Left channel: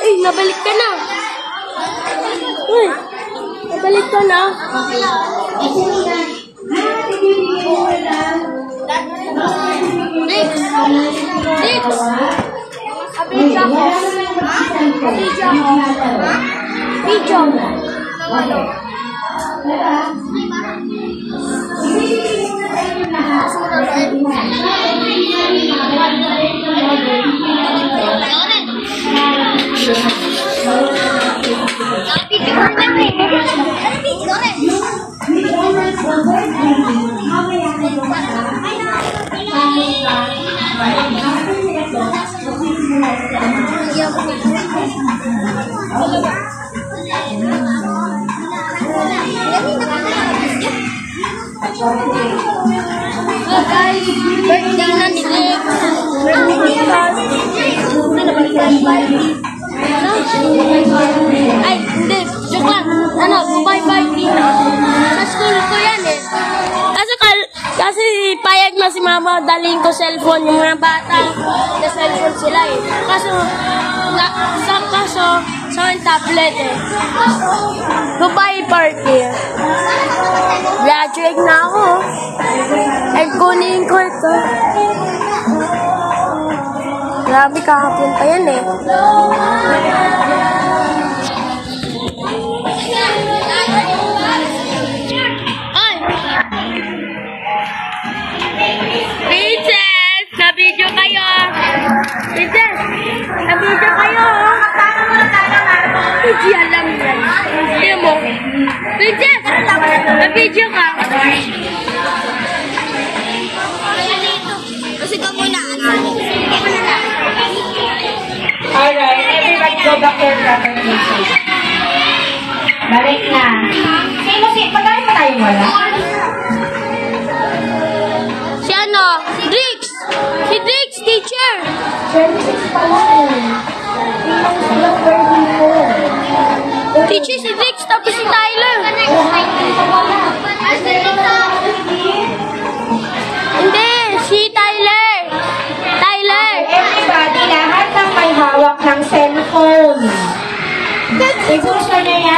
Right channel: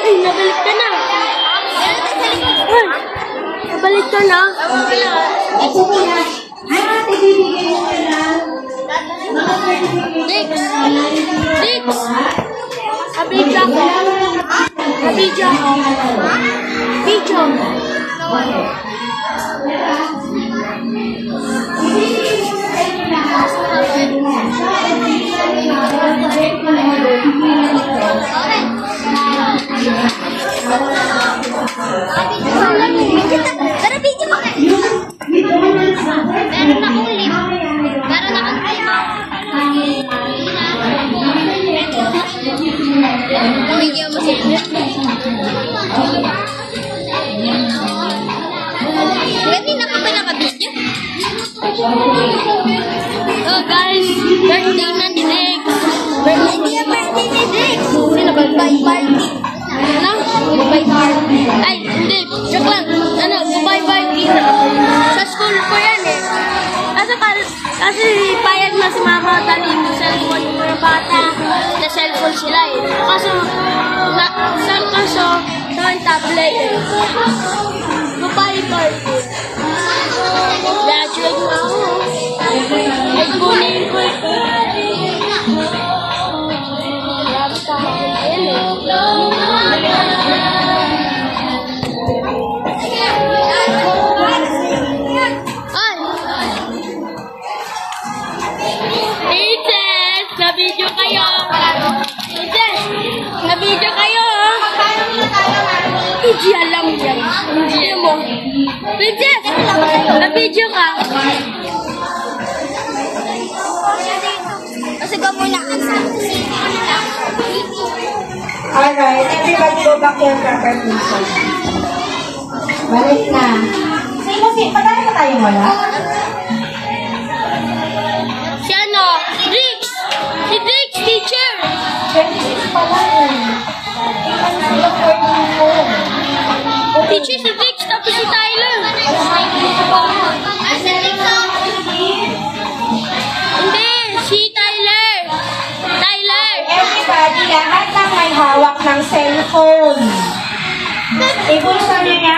Ay, nabalik ka na. Ay, nabalik ka na. Dix! Dix! Abidya ko. Abidya ko. Ha? Video. Oh guys, birthday ng Dix. Birthday ni Dix. Sino birthday? Ano? Ay, hindi. Joke lang. Ano, goodbye-bye na. Sa school ko yan eh. Kasi payag na si mama dalhin ko cellphone yung mga bata. Sa cellphone sila eh. Kaso, sa tablet eh. Goodbye party. Graduate na ako. Ay, kunin ko ito. Grabe kahapon pa yan eh. Ay! Princess! Na-video kayo! Princess! Na-video kayo! Hindi alam yan. Hindi mo. Princess! Na-video ka! Kasi ka muna. Alright, everybody go back to your proper places. Balik na. Pagkain pa tayo wala? Si ano? Dix! Si Dix, teacher! 26 pala eh. Tingnan sila 34. Teacher si Dix, tapos si Tyler. Hindi, si Tyler. Tyler. Everybody, lahat ng may hawak ng cellphone. I-post na niya yan.